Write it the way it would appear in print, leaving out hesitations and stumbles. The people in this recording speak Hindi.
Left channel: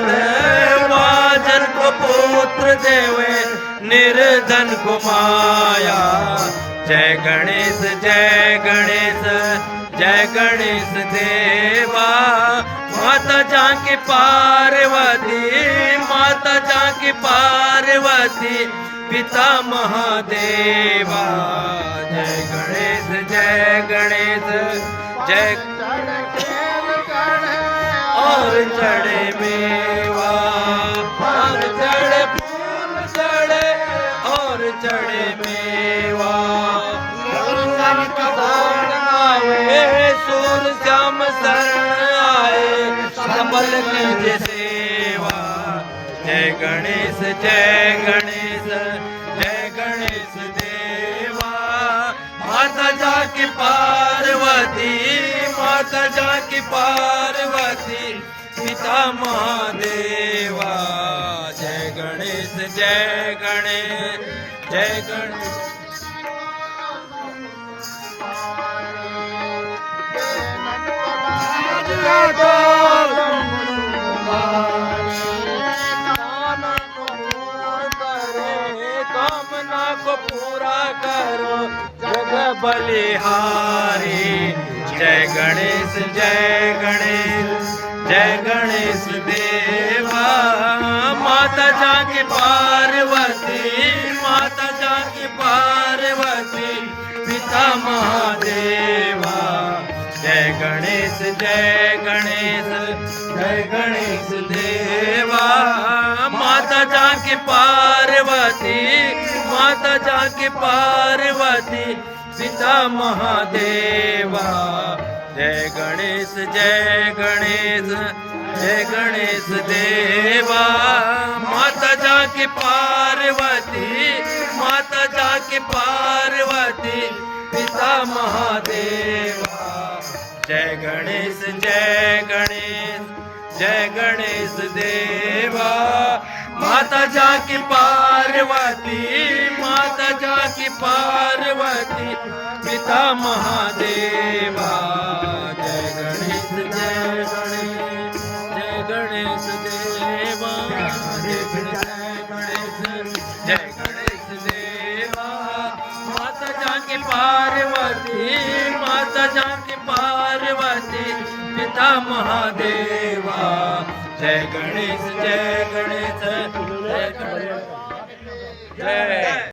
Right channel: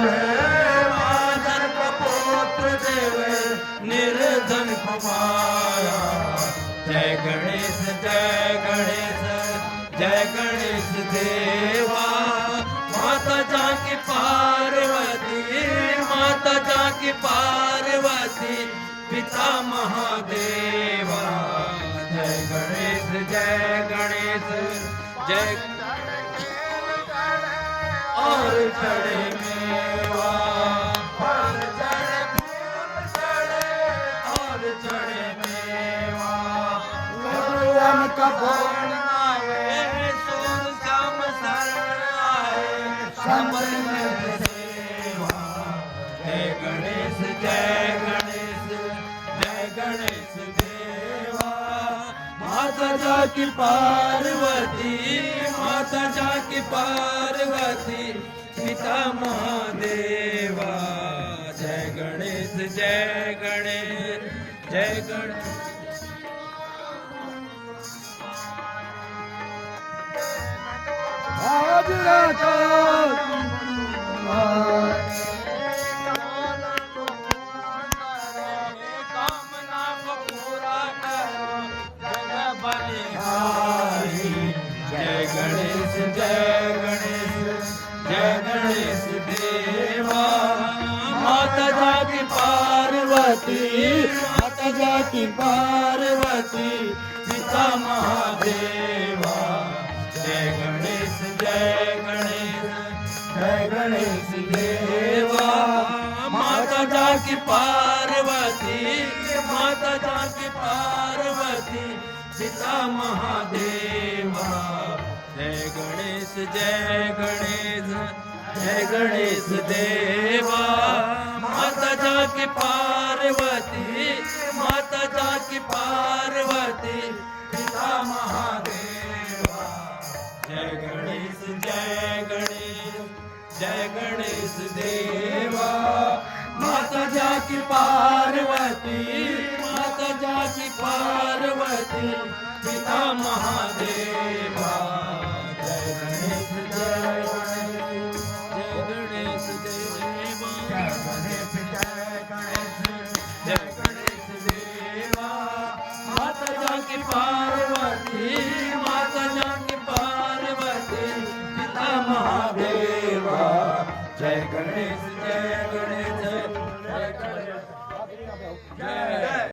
देत वाजन को पुत्र देवे निर्धन को माया। जय गणेश जय गणेश जय गणेश देवा। माता जानकी पार्वती माता जानकी पार्वती पिता महादेवा। जय गणेश जय गणेश जय और चढ़े मेवा और चढ़े फूल चढ़े और चढ़े मेवा। सूर श्याम शरण आए कमल निज सेवा। जय गणेश जय गणेश जय गणेश देवा। माता जानकी पार्वती माता जानकी पार्वती पिता महादेवा। जय गणेश जय गणेश जय गणेश। कामना को पूरा करो जग बलिहारी। जय गणेश जय गणेश जय गणेश देवा। माता जानकी पार्वती माता जानकी पार्वती पिता महादेवा। जय गणेश जय गणेश जय गणेश देवा। माता जानकी पार्वती माता जानकी पार्वती पिता महादेवा। जय गणेश जय गणेश जय गणेश देवा। माता जानकी पार्वती माता जानकी पार्वती पिता महादेवा। जय गणेश जय गणेश जय गणेश देवा। माता जानकी पार्वती माता जानकी पार्वती पिता महादेवा। जय गणेश जय गणेश जय गणेश देवा। जय गणेश जय गणेश देवा। माता जानकी पार्वती माता जानकी पार्वती पिता महादेवा। जय गणेश जय गणेश जय गणेश जय।